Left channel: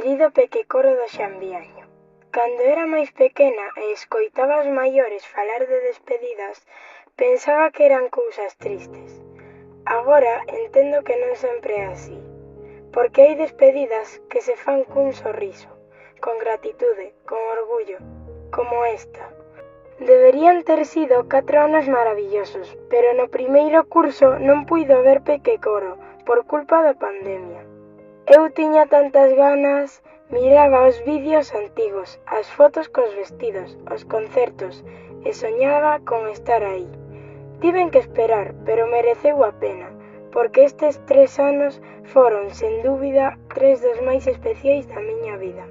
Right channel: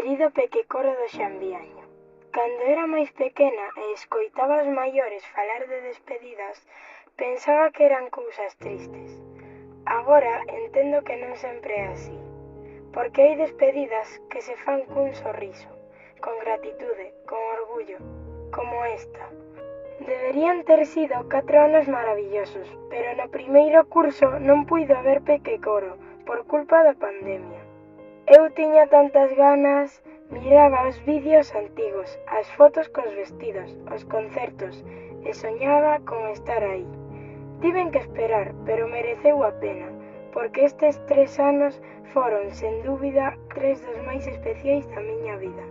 Querido pequecoro do Xambiaño, cando era máis pequena e escoitaba aos maiores falar de despedidas, pensaba que eran cousas tristes. Agora entendo que non sempre é así, porque hai despedidas que se fan cun sorriso, con gratitude, con orgullo, como esta. Deberían ter sido 4 anos maravillosos, pero no primeiro curso non puido ver pequecoro por culpa da pandemia. Eu tiña tantas ganas, miraba os vídeos antigos, as fotos cos vestidos, os concertos, e soñaba con estar aí. Tiven que esperar, pero mereceu a pena, porque estes 3 anos foron, sen dúbida, 3 dos máis especiais da miña vida.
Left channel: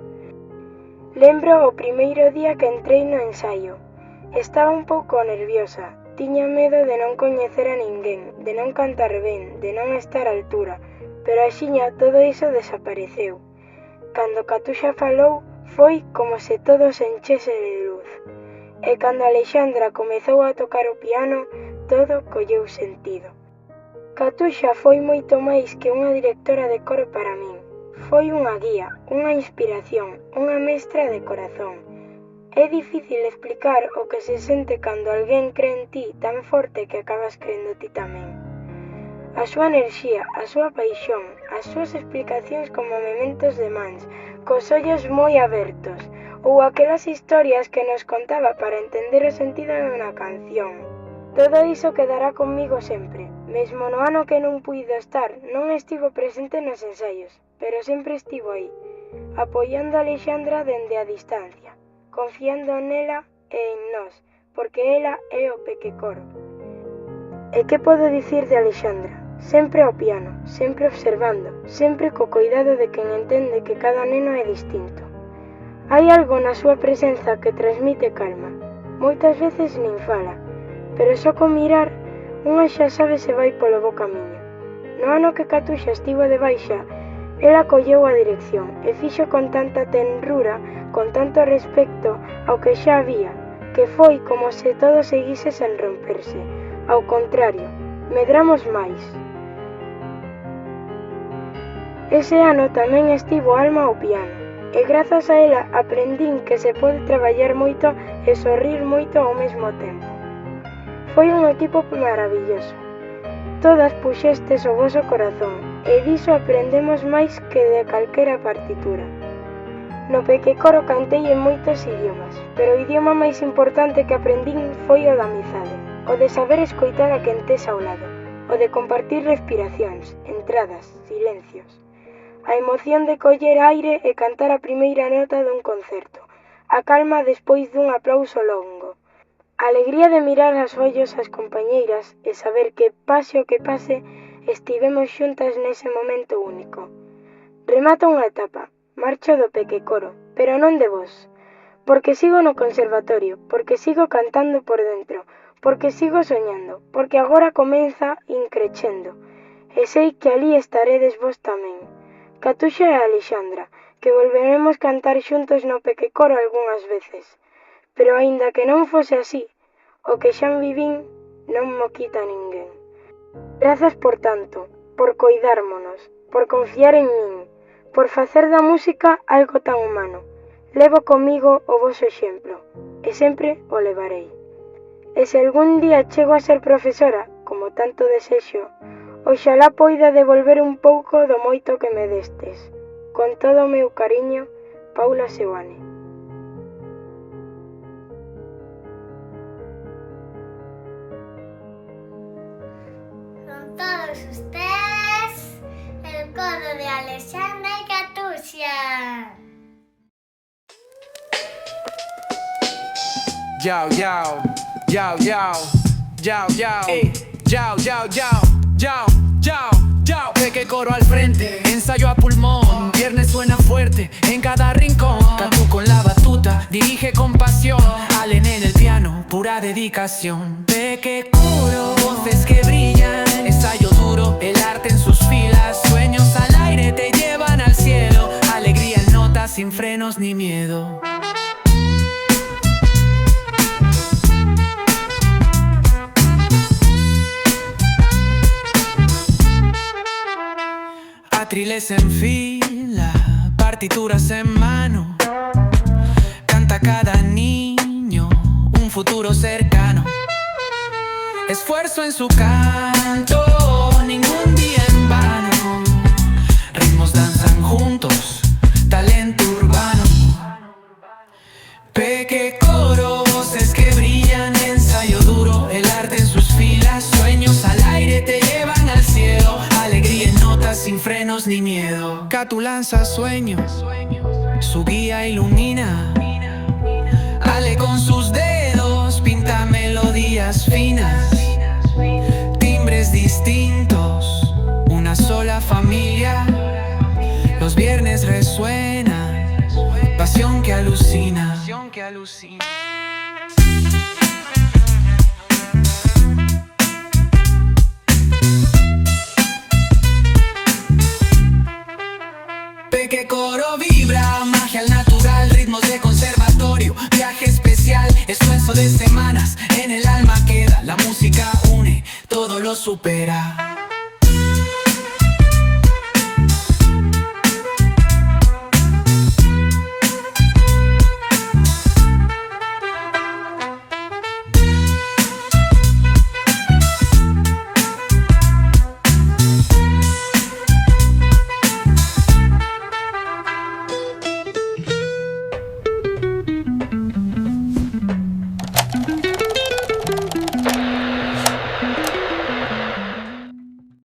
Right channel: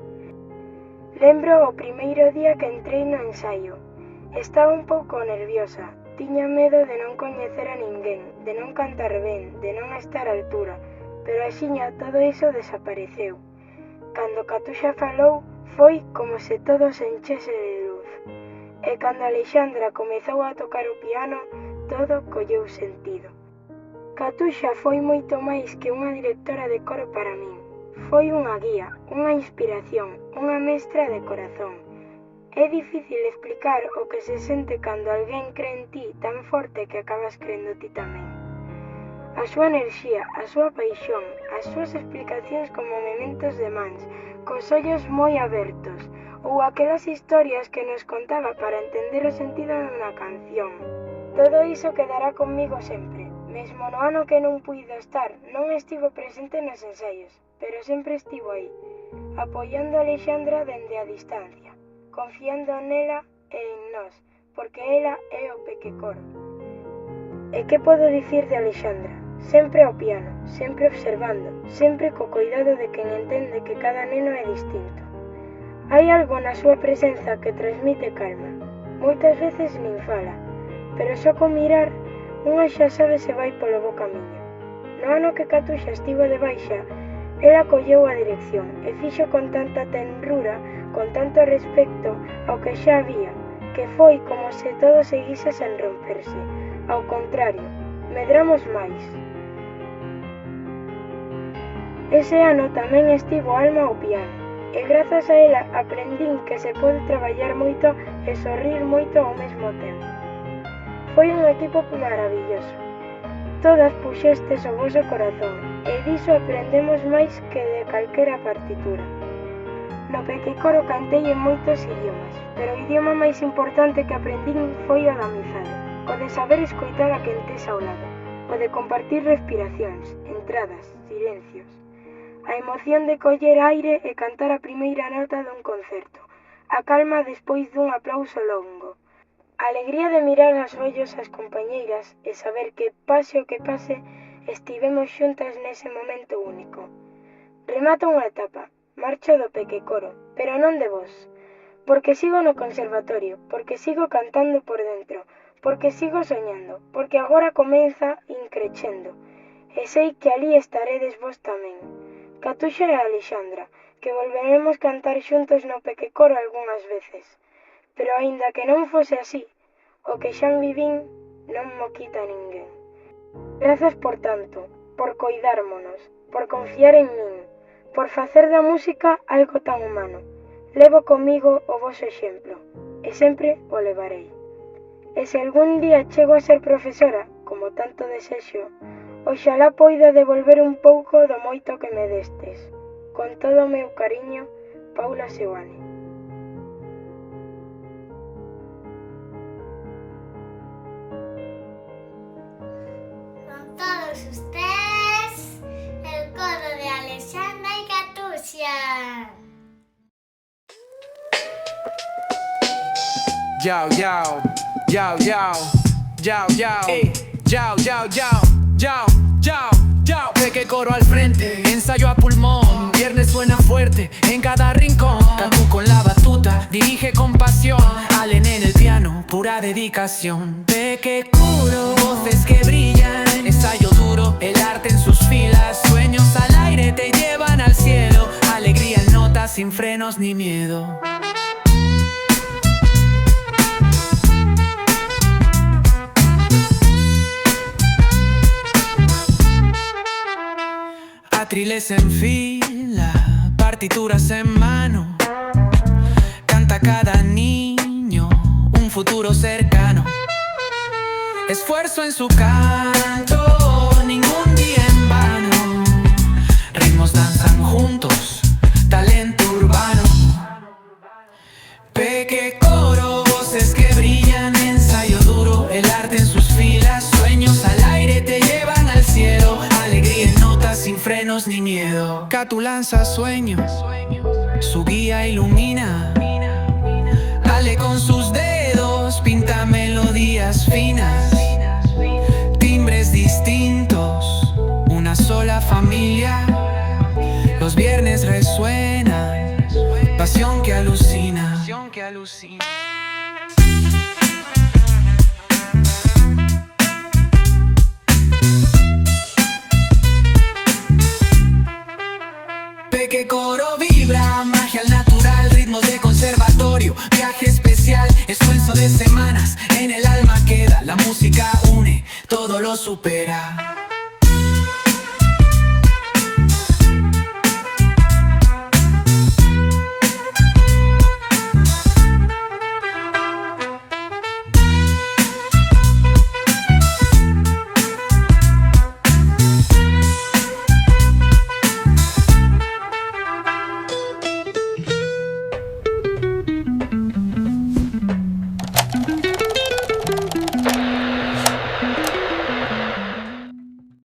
Lembro o primeiro día que entrei no ensaio. Estaba un pouco nerviosa, tiña medo de non coñecer a ninguén, de non cantar ben, de non estar á altura, pero axiña todo iso desapareceu. Cando Catuxa falou, foi como se todo se enchese de luz. E cando Alexandra comezou a tocar o piano, todo colleu sentido. Catuxa foi moito máis que unha directora de coro para min. Foi unha guía, unha inspiración, unha mestra de corazón. É difícil explicar o que se sente cando alguén cree en ti tan forte que acabas crendo ti tamén. A súa enerxía, a súa paixón, as súas explicacións como mementos de mans, cos ollos moi abertos, ou aquelas historias que nos contaba para entender o sentido de unha canción. Todo iso quedará conmigo sempre. Mesmo no ano que non puido estar, non estivo presente nos ensaios, pero sempre estivo aí, apoiando a Alexandra dende a distancia, confiando nela e en nós, porque ela é o pequecoro. E que podo dicir de Alexandra? Sempre ao piano, sempre observando, sempre co cuidado de quen entende que cada neno é distinto. Hai algo na súa presenza que transmite calma. Moitas veces nin fala, pero só con mirar, unha xa sabe se vai polo bo camiño. No ano que Catuxa estivo de baixa, ela colleu a dirección e fixo con tanta tenrura, con tanto respecto ao que xa había, que foi como se todo seguise sen romperse. Ao contrario, medramos máis. Ese ano tamén estivo Alma ao piano, e grazas a ela aprendín que se pode traballar moito e sorrir moito ao mesmo tempo. Foi un equipo maravilloso. Todas puxestes o voso corazón, e diso aprendemos máis que de calquera partitura. No pequecoro cantei en moitos idiomas, pero o idioma máis importante que aprendín foi o da amizade, o de saber escoitar a quen tes ao lado, o de compartir respiracións, entradas, silencios. A emoción de coller aire e cantar a primeira nota dun concerto, a calma despois dun aplauso longo, a alegría de mirar aos ollos as compañeiras e saber que, pase o que pase, estivemos xuntas nese momento único. Remata unha etapa, marcho do pequecoro, pero non de vos, porque sigo no conservatorio, porque sigo cantando por dentro, porque sigo soñando, porque agora comeza increchendo, e sei que alí estaredes vos tamén. Catuxa e Alexandra, que volveremos cantar xuntos no pequecoro algunhas veces. Pero aínda que non fose así, o que xa vivín non mo quita ninguén. Grazas por tanto, por coidármonos, por confiar en min, por facer da música algo tan humano. Levo comigo o voso exemplo, e sempre o levarei. E se algún día chego a ser profesora, como tanto desexo, oxalá poida devolver un pouco do moito que me destes. Con todo o meu cariño, Paula Seoane. Con todos ustedes, el coro de Alexandra y Catuxa. Yao, yao, yao, yao, yao, yao, yao, yao, yao, yao, yao, yao. Pequecoro al frente, ensayo a pulmón. Viernes suena fuerte en cada rincón. Catu con la batuta, dirige con pasión. Allen en el piano, pura dedicación. Pequecoro, voces que brillan. Ensayo duro, el arte en sus filas. Sueños al aire te llevan al cielo. Alegría en notas sin frenos ni miedo. Atriles en fila, partituras en mano. Canta cada niño un futuro cercano. Esfuerzo en su canto, ningún día en vano. Ritmos danzan juntos, talento urbano. Peque coro, voces que brillan, ensayo duro, el arte en sus filas. Sueños al aire te llevan al cielo, alegría en notas sin frenos ni miedo. Catu lanza sueños, su guía ilumina. Ale con sus dedos pinta melodías finas. Timbres distintos, una sola familia. Los viernes resuena, pasión que alucina. Peque coro vibra, magia al natural, ritmos de conservatorio, viaje especial, esfuerzo de semanas, en el alma queda, la música une, todo lo supera.